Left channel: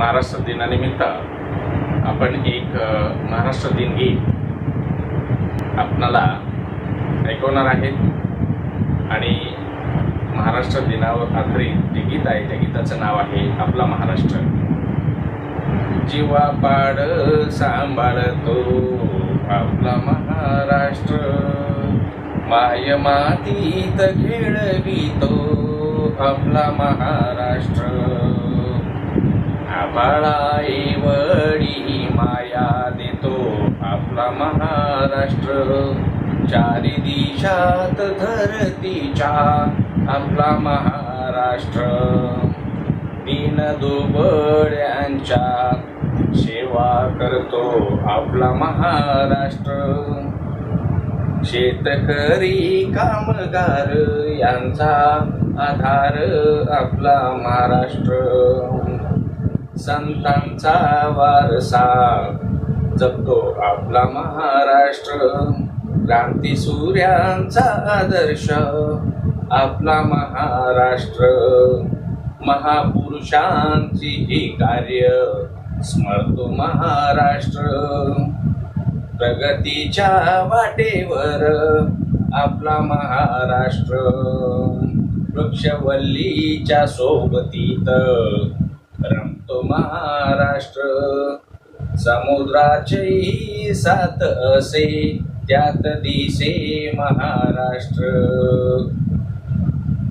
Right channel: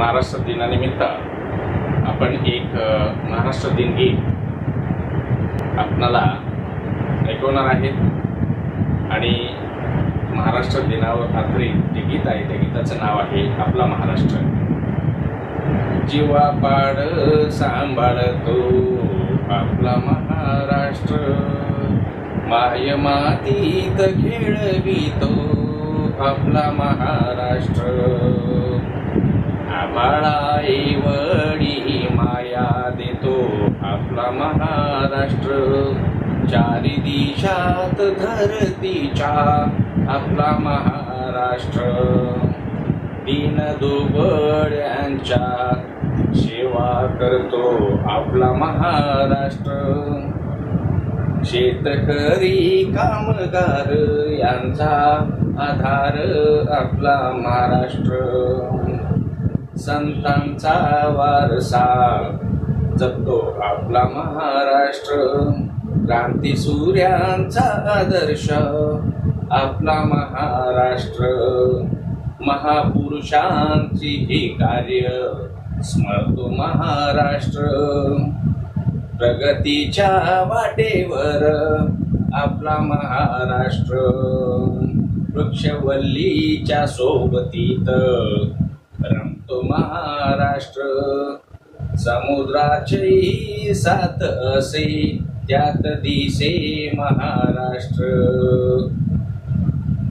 महाराष्ट्र दिनानिमित्त आपण एक महाराष्ट्र दिन गीत आपणाला ऐकवणार आहेत आणि महाराष्ट्र दिनावर आधारित जे गीत आहे त्या गीताचं नाव आहे आपला महाराष्ट्र। जीवापाड सांभाळतो आपला महाराष्ट्र, माय मातीत खेळवितो आपला महाराष्ट्र। आभाळा एवढी माया देतो आपला महाराष्ट्र, चारी दिशात धरतीच्या आपला महाराष्ट्र। दीन दुबळ्यांच्या सेवा करतो आपला महाराष्ट्र, शेतकरी कामगार यांचा आधार आपला महाराष्ट्र। संतांचा वारसा जपतो आपला महाराष्ट्र, क्रांती सूर्यांचा आदर्श आपला महाराष्ट्र। महापुरुषांची ही कार्य स्मरतो महाराष्ट्र, प्रगतीच्या वाटेवर आपला महाराष्ट्र। वृक्षवल्लीच्या सोबतीत रमतो महाराष्ट्र, समुद्राचेही साथ असे त्यात दिसे महाराष्ट्र।